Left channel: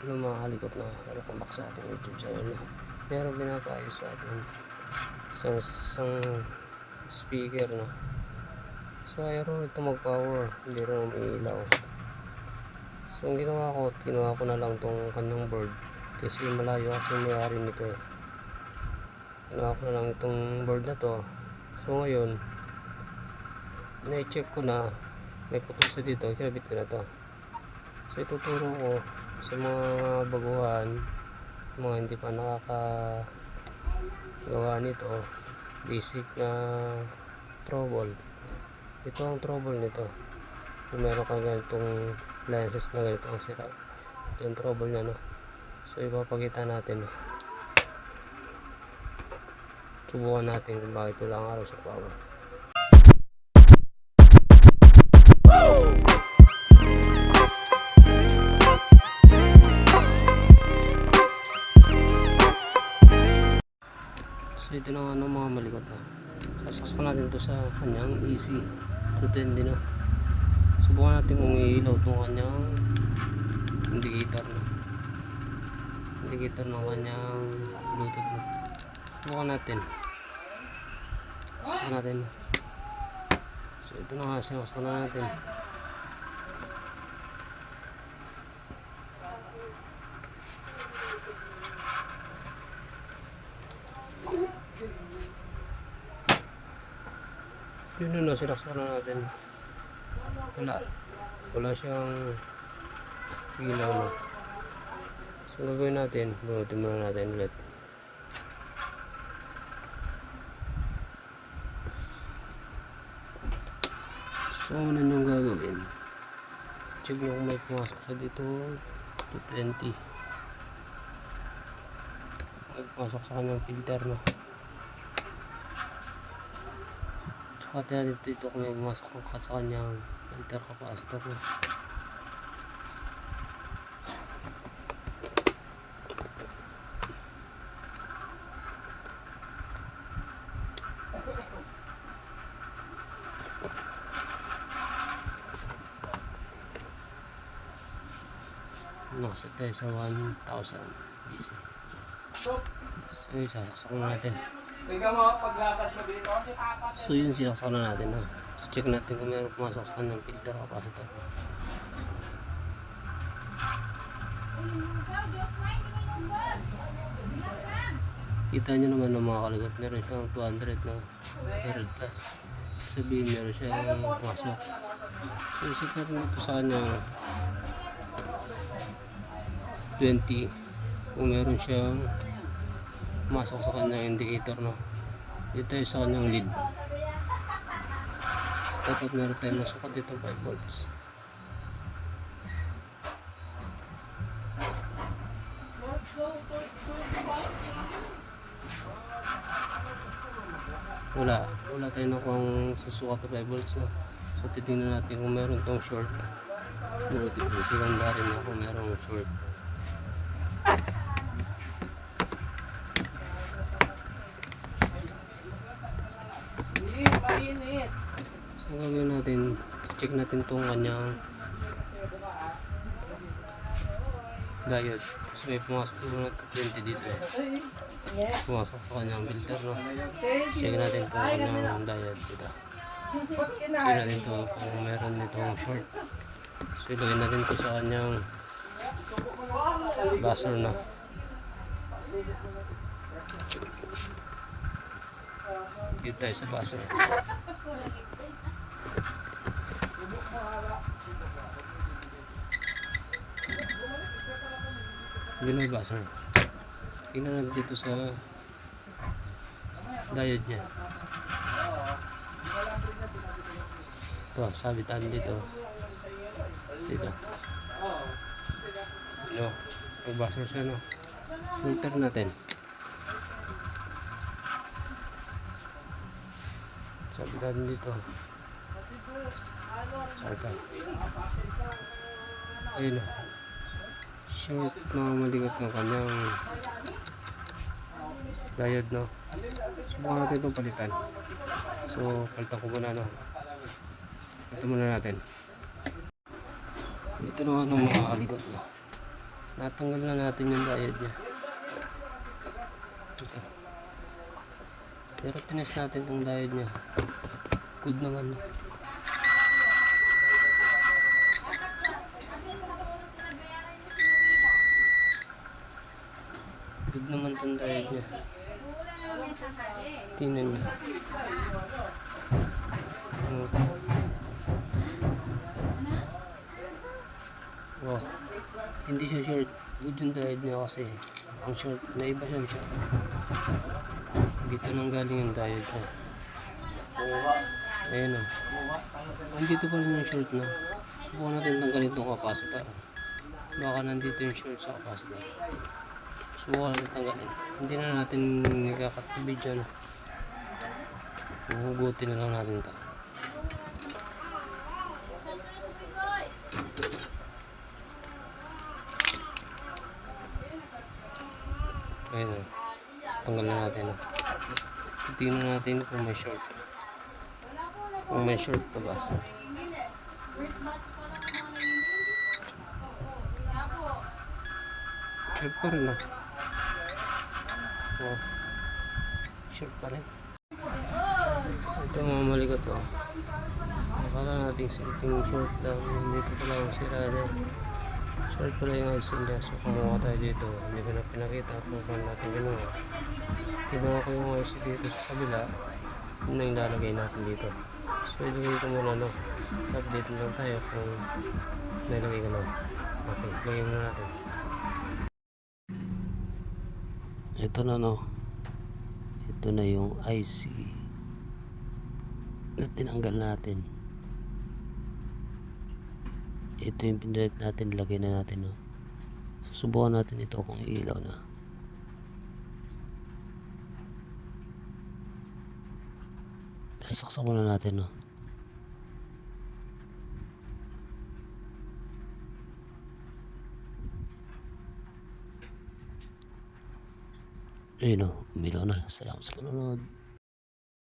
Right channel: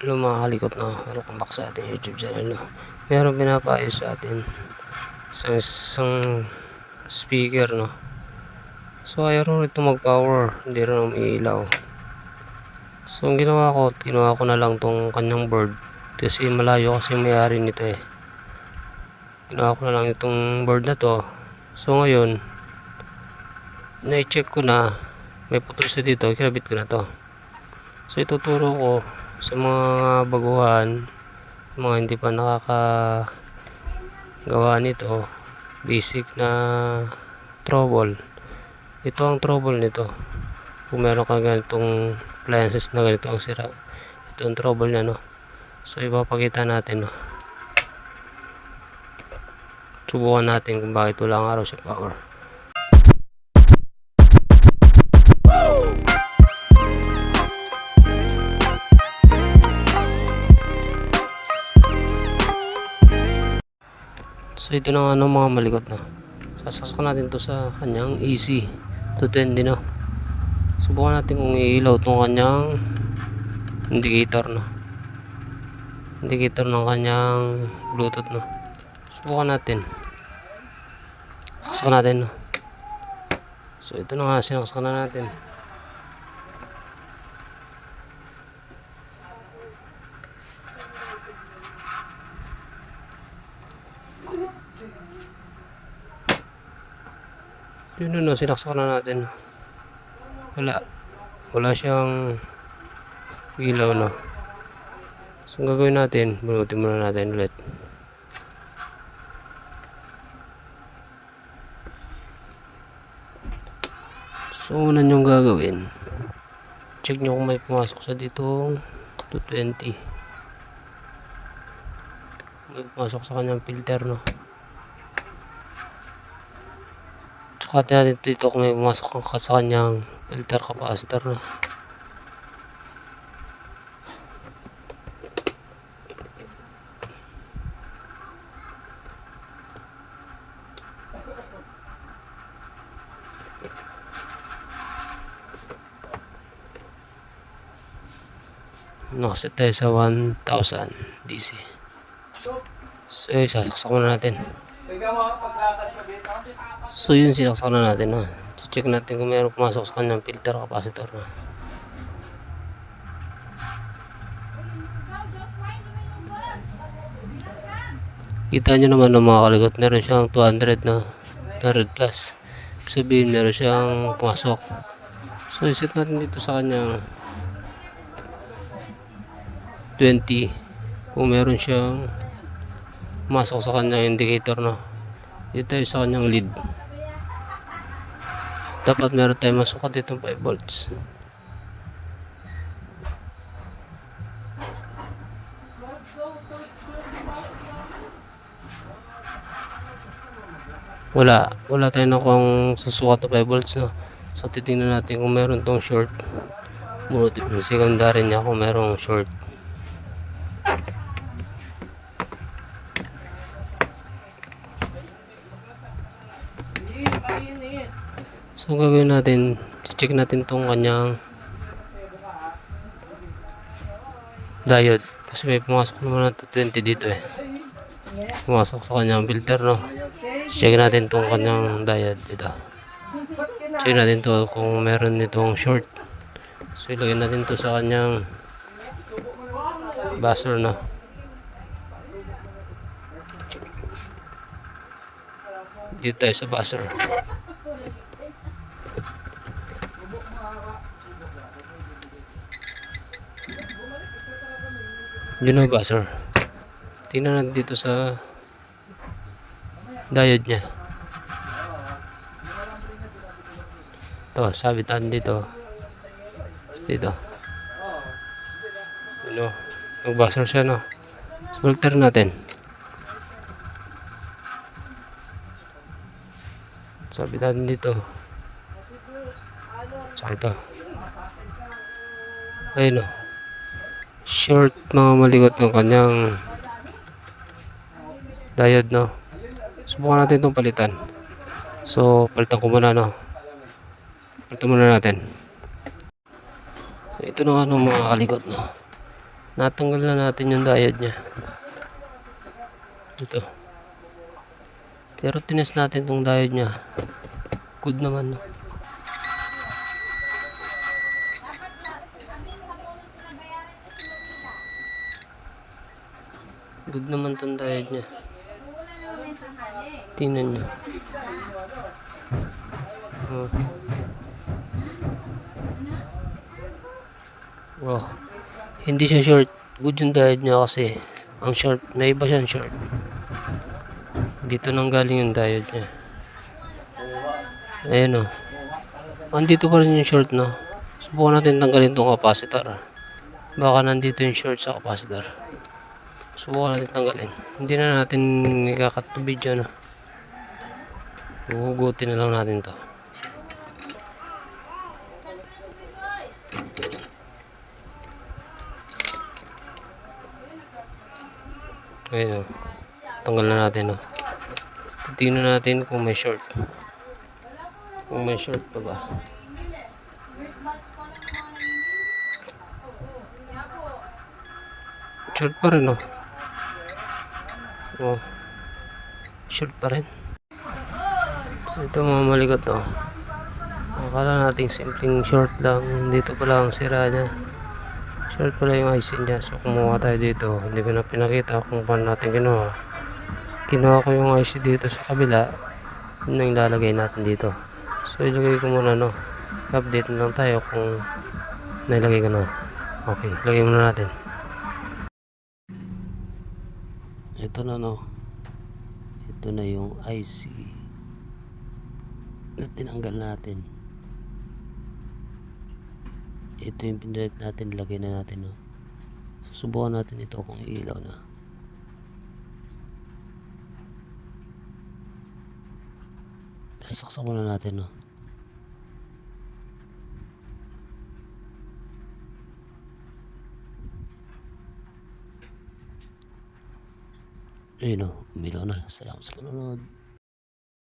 Hello mga kalikot, no? Welcome back sa ating YouTube channel, no? Meron pinapaayos sa atin sa isang speaker, no? So ayaw ito mag power, hindi rin umiilaw. So ang ginawa ko na lang tong kanyang board kasi malayo kasi yung may-ari nito eh. Ginawa ko na lang itong board na to. So ngayon na-check ko na may putol sa dito, kinabit ko na to. So ituturo ko sa mga baguhan, mga hindi pa nakakagawa nito, basic na trouble. Ito ang trouble nito. Kung meron kang ganitong appliances na ganito ang sira, ito ang trouble niya, no? So ipapakita natin, no? Subukan natin kung bakit wala ang araw sa power. So ito na nga ng mga malikot, na sasaksak natin to sa kanyang AC 220, no? Subukan natin kung iilaw itong kanyang indicator, no? Indicator ng kanyang bluetooth, no? Subukan natin, saksak natin, no? So ito na nga, sinaksak na natin. Yun, no, sinaksak na natin. Wala siyang ilaw, no? So ang gagawin natin, bunutin muna natin ulit. So una nyong gagawin, check nyo kung may pumasok sa ditong 220. May pumasok sa kanyang filter, no? Tsaka natin dito kung may pumasok sa kanyang filter capacitor, no? Nakaset tayo sa 1000 DC. So sasaksak na natin. So yun, sinaksak na natin, no? So check natin kung mayroon pumasok sa kanyang filter capacitor, no? Kita nyo naman ng mga kalikot, meron siyang 200, no? 200 plus. Sabihin meron siyang pumasok. So iset natin dito sa kanyang 20 kung meron siyang pumasok sa kanyang indicator, no? Dito tayo sa kanyang lead, dapat meron tayong masukat dito 5 volts. Wala tayo na kung susukat na 5 volts, no? So titingnan natin kung meron tong short, bunutin yung secondary niya kung merong short. So gagawin natin, check natin tong kanyang diode kasi may pumasok naman na 20 dito eh. Pumasok sa kanyang filter, no? Check natin tong kanyang diode dito. Check natin to kung meron nitong short. So ilagay natin to sa kanyang buzzer, no? Dito tayo sa buzzer. Yun ang buzzer. Tingnan natin dito sa diode nya. Ito, sabitan dito. Dito. Ano? Yung buzzer siya, no? Filter natin. Sabitan dito. Saka ito. Ayun, no? Short, mga malikot ng kanyang diode, no? Subukan natin itong palitan. So palitan ko muna, no? Palitan muna natin. Ito na nga ng mga kalikot, no? Natanggal na natin yung diode niya. Ito. Pero tinest natin tong diode niya. Good naman, no? Good naman tong diode niya. Tingnan niyo. Oh. Wow. Hindi siya short. Good yung diode niya kasi ang short, may iba siyang short. Dito nang galing yung diode niya. Ayan o. Andito pa rin yung short, no? Subukan natin tanggalin itong capacitor. Baka nandito yung short sa capacitor. Subukan natin tanggalin. Hindi na natin ikakat to video, no? Huhugutin na lang natin to. Ayan o. Tanggal na natin, no? Titingnan natin kung may short. Kung may short pa ba. Short pa rin, no? Oh. Short pa rin. Ito mga maligot, no? Akala natin simpleng short lang. Dito pala ang sira niya. Short pala yung IC niya. So kumuha tayo dito. Hindi ko na pinakita kung paano natin ginawa. Kinuha ko yung IC dito sa kabila. Yun na yung lalagay natin dito. So ilagay ko muna, no? Update na lang tayo kung nailagay ko na. Okay, ilagay muna natin. Ito na, no? Ito na yung IC na tinanggal natin. Ito yung pinalit natin, lagay na natin, no? Susubukan natin ito kung ilaw na. Sasaksak muna natin, no? Ayun, no? Umilaw na. Salamat sa panonood.